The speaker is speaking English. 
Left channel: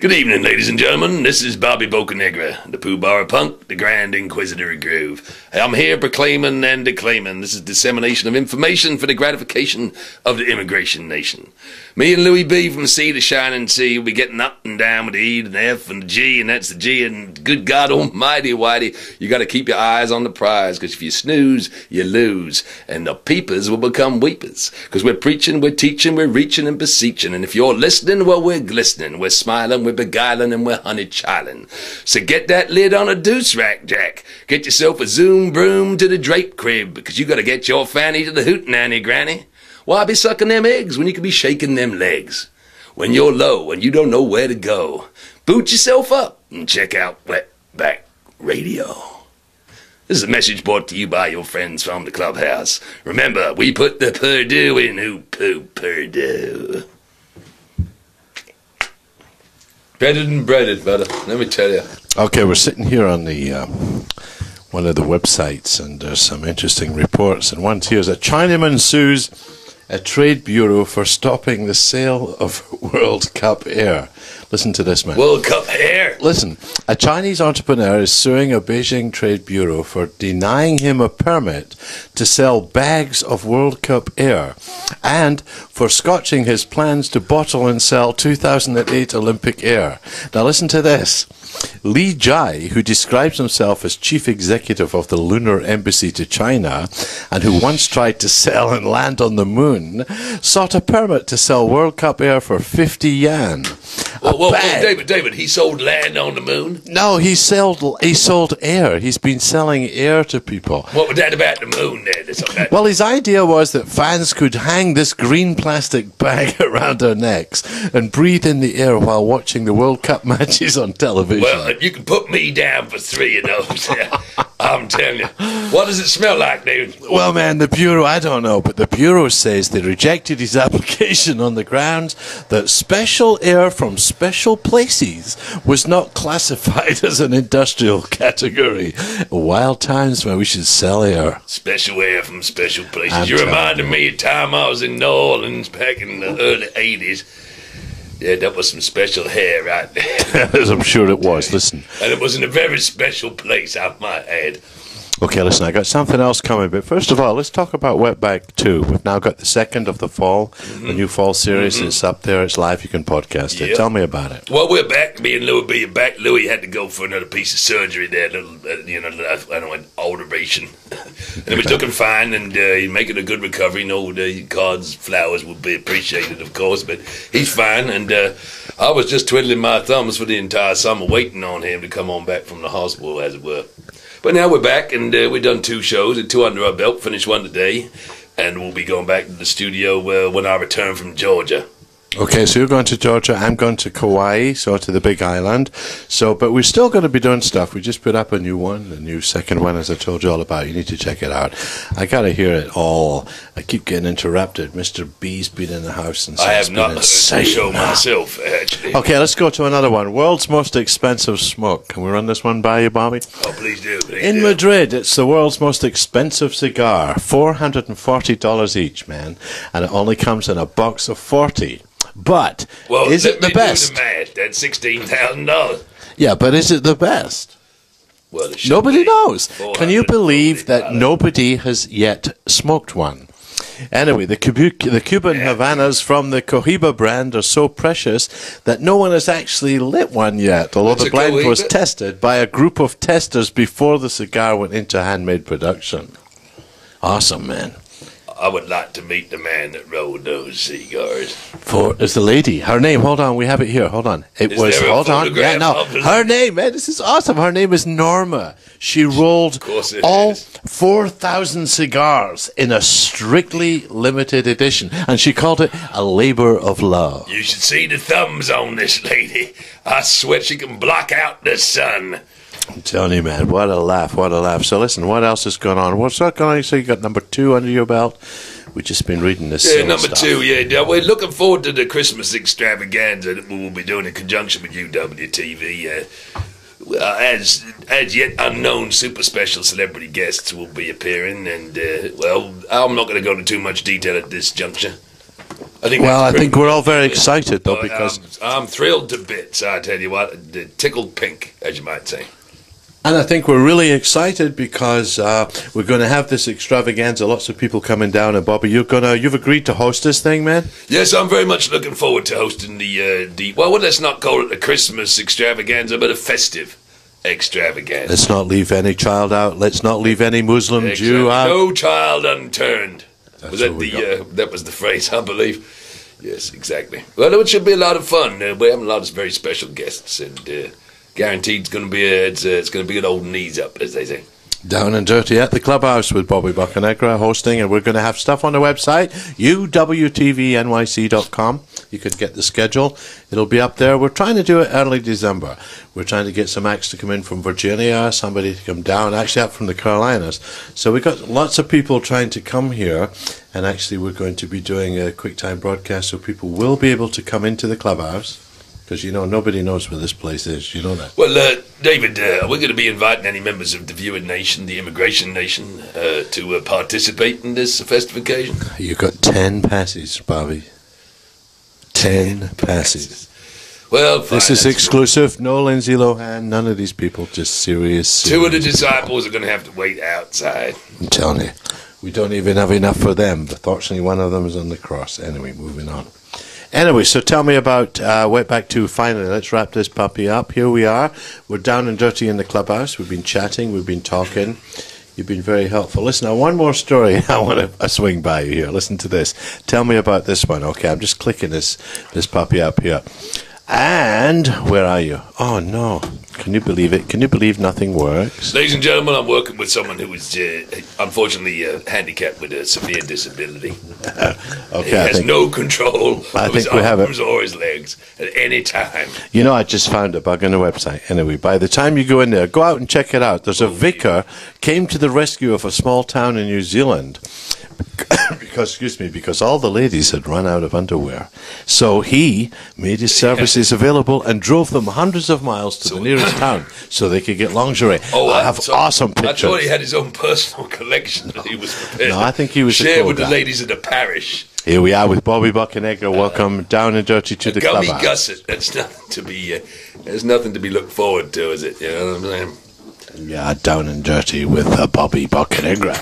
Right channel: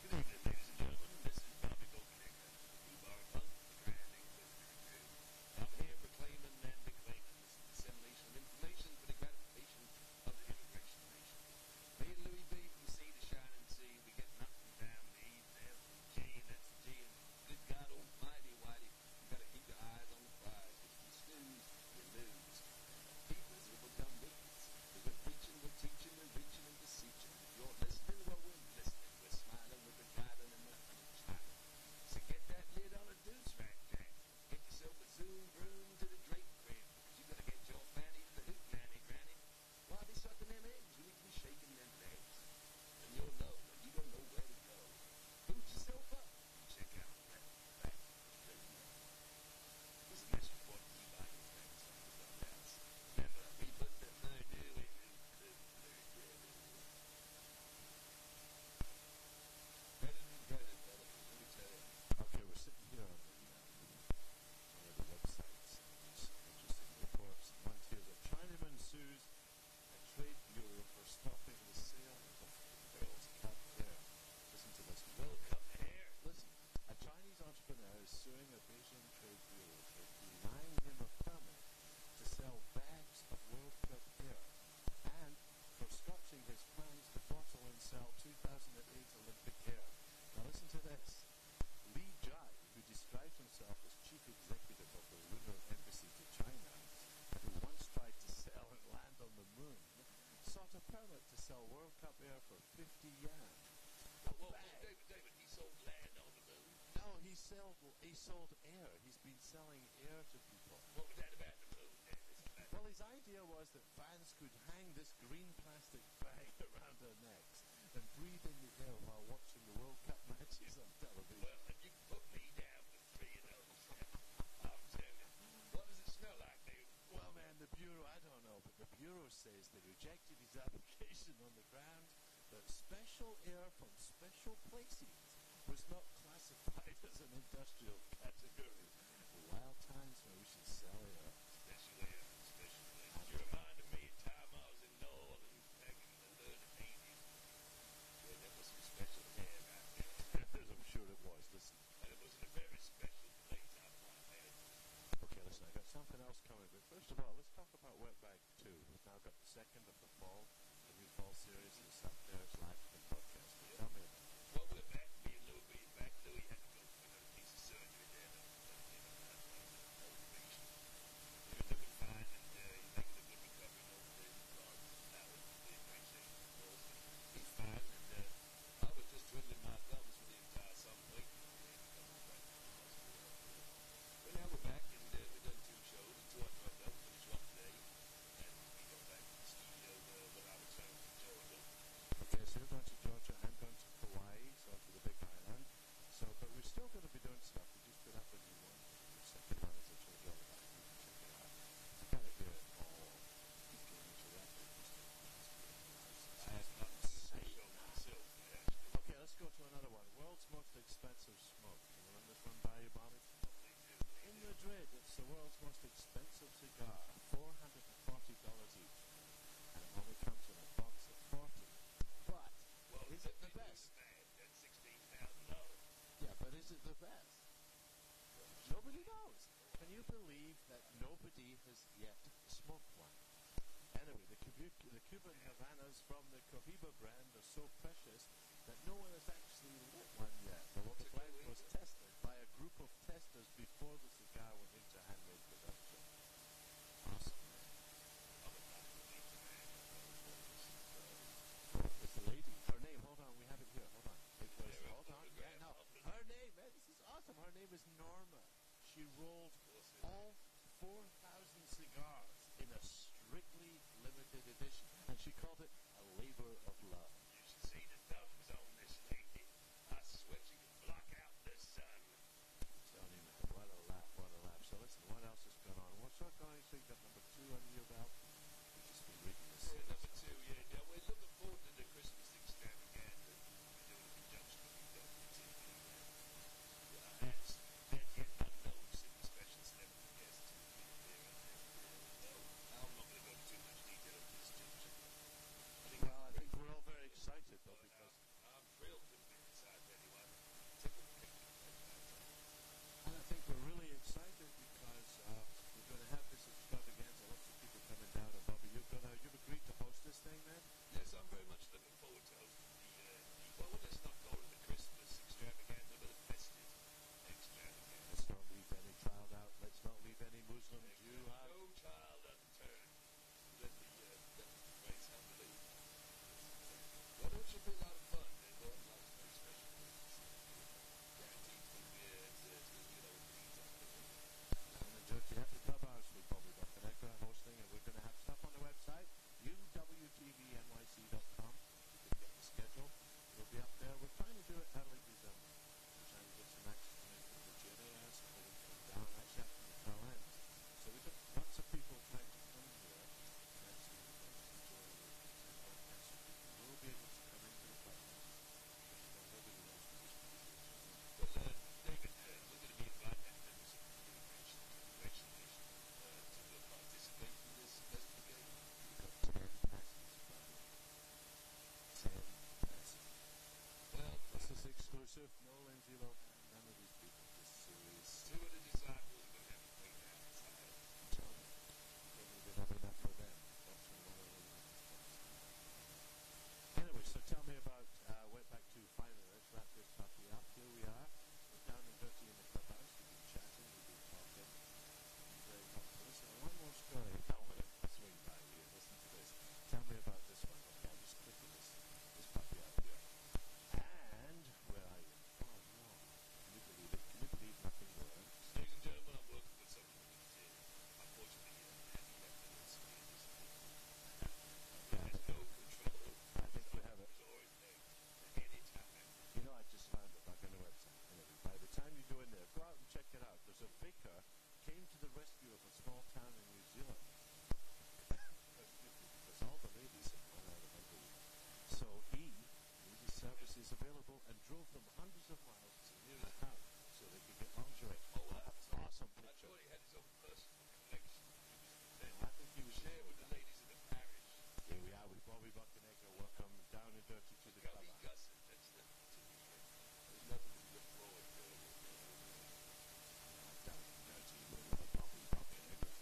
Good evening, ladies and gentlemen. This is Bobby Bocanegra, the Pooh Bar Punk, the Grand Inquisitor of Groove. I'm here proclaiming and declaiming this is dissemination of information for the gratification of the immigration nation. Me and Louis B from sea to shining sea will be getting up and down with the E and the F and the G, and that's the G, and good God almighty, whitey, you got to keep your eyes on the prize, because if you snooze, you lose, and the peepers will become weepers, because we're preaching, we're teaching, we're reaching and beseeching, and if you're listening, well, we're glistening, we're smiling, we're beguiling, and we're honey-chiling. So get that lid on a deuce rack, Jack. Get yourself a zoom broom to the drape crib, because you got to get your fanny to the hootenanny, granny. Why be sucking them eggs when you could be shaking them legs? When you're low and you don't know where to go, boot yourself up and check out Wetback Radio. This is a message brought to you by your friends from the clubhouse. Remember, we put the Purdue in who poo Purdue. Breaded and breaded, brother. Let me tell you. Okay, we're sitting here on the one of the websites, and there's some interesting reports. And one here is a Chinaman sues a trade bureau for stopping the sale of World Cup air. Listen to this, man. World Cup air? Listen, a Chinese entrepreneur is suing a Beijing trade bureau for denying him a permit to sell bags of World Cup air and for scotching his plans to bottle and sell 2008 Olympic air. Now listen to this. Li Jai, who describes himself as chief executive of the Lunar Embassy to China and who once tried to sell and land on the moon, sought a permit to sell World Cup air for 50 yuan. Well, David, he sold land on the moon? No, he sold air. He's been selling air to people. What was that about the moon then? Well, his idea was that fans could hang this green plastic bag around their necks and breathe in the air while watching the World Cup matches on television. Well, you can put me down for 3 of those. I'm telling you. What does it smell like, David? Well, man, the Bureau, I don't know, but the Bureau says they rejected his application on the grounds that special air from special places was not classified as an industrial category. Wild times when we should sell air. Special air from special places. You reminded me of time I was in New Orleans back in the early 80s. Yeah, that was some special hair right there. As I'm sure it was. Listen. And it was in a very special place, I might add. Okay, listen, I got something else coming, but first of all, let's talk about Wetback 2. We've now got the second of the fall, the new fall series. It's up there, it's live, you can podcast it. Tell me about it. Well, we're back. Me and Louis B are back. Louis had to go for another piece of surgery there, an alteration. And we took him fine, and he's making a good recovery. No, the cards, flowers will be appreciated, of course, but he's fine, and I was just twiddling my thumbs for the entire summer, waiting on him to come on back from the hospital, as it were. But now we're back, and we've done 2 shows, and 2 under our belt, finished 1 today, and we'll be going back to the studio when I return from Georgia. Okay, so you're going to Georgia, I'm going to Kauai, so to the Big Island. But we're still going to be doing stuff. We just put up a new one, a new second one, as I told you all about. You need to check it out. I got to hear it all. I keep getting interrupted. Mr. B's been in the house. And I have not heard the show myself, actually. Okay, let's go to another one. World's most expensive smoke. Can we run this one by you, Bobby? Oh, please do. In Madrid, it's the world's most expensive cigar. $440 each, man. And it only comes in a box of 40. But is it the best? Do the math. That's $16,000. Yeah, but is it the best? Well, nobody knows. Can you believe that nobody has yet smoked one? Anyway, the Cuban Havanas from the Cohiba brand are so precious that no one has actually lit one yet, although the blend was tested by a group of testers before the cigar went into handmade production. Awesome, man. I would like to meet the man that rolled those cigars. It's the lady. Her name, hold on, we have it here. Hold on. Her name, man, this is awesome. Her name is Norma. She rolled all 4,000 cigars in a strictly limited edition, and she called it a labor of love. You should see the thumbs on this lady. I swear she can block out the sun. I'm telling you, man, what a laugh, what a laugh. So listen, what else is going on? What's that going on? So you got number 2 under your belt? We've just been reading this number stuff. 2, yeah. We're looking forward to the Christmas extravaganza that we will be doing in conjunction with UWTV. As yet unknown super special celebrity guests will be appearing, and, I'm not going to go into too much detail at this juncture. I think we're all very excited, though, because... I'm thrilled to bits, I tell you what. Tickled pink, as you might say. And I think we're really excited because we're going to have this extravaganza. Lots of people coming down. And Bobby, you've agreed to host this thing, man? Yes, I'm very much looking forward to hosting well, let's not call it a Christmas extravaganza, but a festive extravaganza. Let's not leave any child out. Let's not leave any Muslim Jew out. No child unturned. That's That was the phrase, I believe. Yes, exactly. Well, it should be a lot of fun. We're having a lot of very special guests, and guaranteed it's going to be it's going to be an old knees up, as they say. Down and Dirty at the Clubhouse with Bobby Bocanegra hosting, and we're going to have stuff on the website, UWTVNYC.com. You could get the schedule. It'll be up there. We're trying to do it early December. We're trying to get some acts to come in from Virginia, somebody to come down, actually up from the Carolinas. So we've got lots of people trying to come here, and actually we're going to be doing a quick time broadcast so people will be able to come into the Clubhouse. Because, nobody knows where this place is. You know that. Well, David, we're going to be inviting any members of the Viewing Nation, the Immigration Nation, to participate in this festive occasion. You got 10 passes, Bobby. 10 passes. Well, fine, this is exclusive. No Lindsay Lohan, none of these people. Just serious. Two of the disciples are going to have to wait outside. I'm telling you. We don't even have enough for them. But fortunately, one of them is on the cross. Anyway, moving on. Anyway, so tell me about Wetback 2 finally. Let's wrap this puppy up. Here we are. We're down and dirty in the Clubhouse. We've been chatting. We've been talking. You've been very helpful. Listen, now one more story I want to swing by you here. Listen to this. Tell me about this one. Okay, I'm just clicking this puppy up here. And where are you? Oh, no. Can you believe it? Can you believe nothing works? Ladies and gentlemen, I'm working with someone who is unfortunately handicapped with a severe disability. Okay, he has no control of his arms or his legs at any time. I just found a bug on the website. Anyway, by the time you go in there, go out and check it out. There's a vicar came to the rescue of a small town in New Zealand. because all the ladies had run out of underwear. So he made his services available and drove them hundreds of miles to the nearest town so they could get lingerie. I have awesome pictures. I thought he had his own personal collection that he was prepared I think he was share with the ladies of the parish. Here we are with Bobby Bocanegra. Welcome down and dirty to the Clubhouse. Gummy gusset. That's nothing to be. There's nothing to be looked forward to, is it? You know what I'm saying? Yeah, down and dirty with Bobby Bocanegra.